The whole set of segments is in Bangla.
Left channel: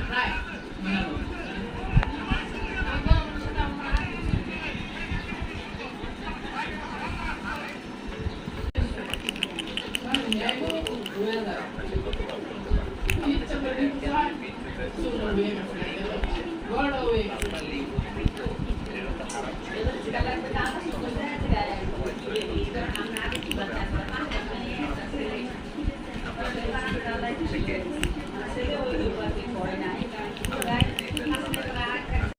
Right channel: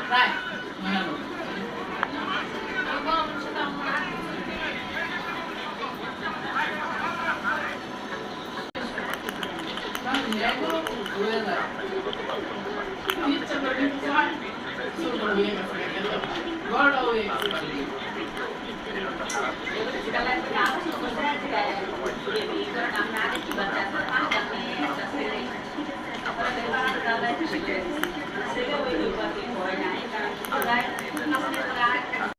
প্রায় বানালো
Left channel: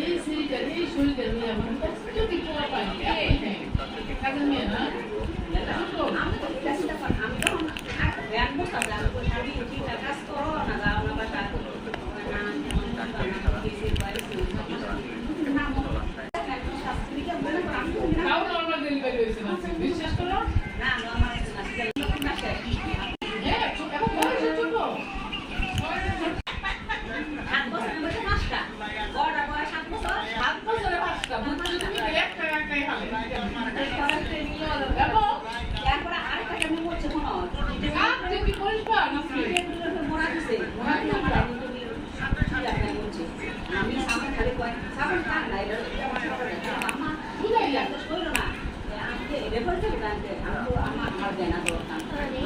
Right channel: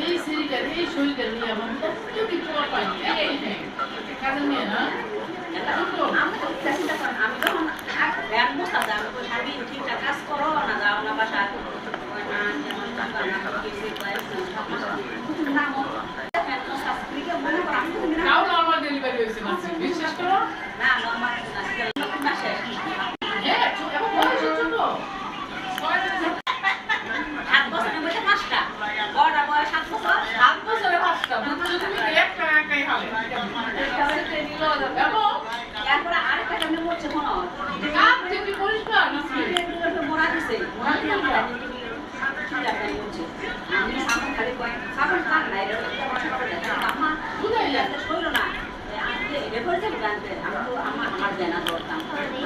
এই সিরিজটা এই শরীরটা নিয়ে আমার কত কি তোমার পাইনি কাজে নিয়ে না তাও নর্মাল ডেলিভারি হয়েছে মাসে বিশ্বাস করো না নর্মাল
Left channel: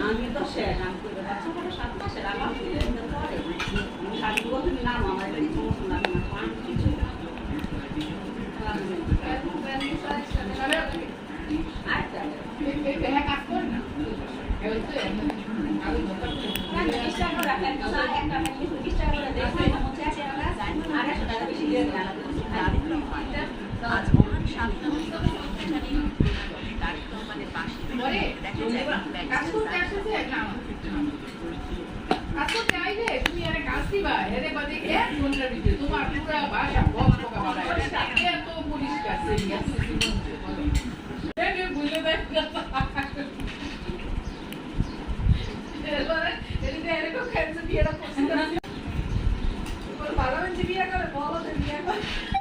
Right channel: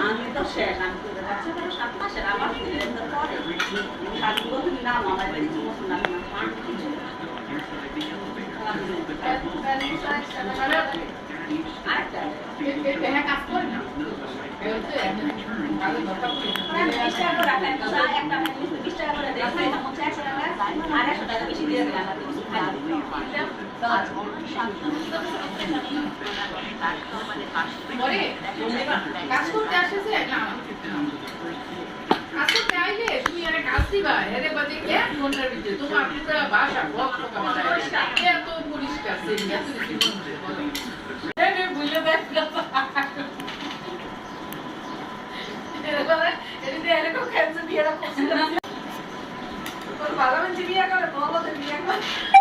আমি তো শেষ আমি তো 7 মাসের আমার কাজ করতে আসেছে না কাজ করতে আইলে তুমি আরে কাজ দিবা এরে বাদে 1 ঘন্টার ভিতরে তোমার পুরো ভাষা বক পোকা বানায় এত পরিষ্কার সেই এত জীবন বলো এরে বুঝলে দেখ এরে কো খেলছে বিয়েটা করছিস তোর বাবা মানে বিয়ে করে বলো তো বিয়ে করে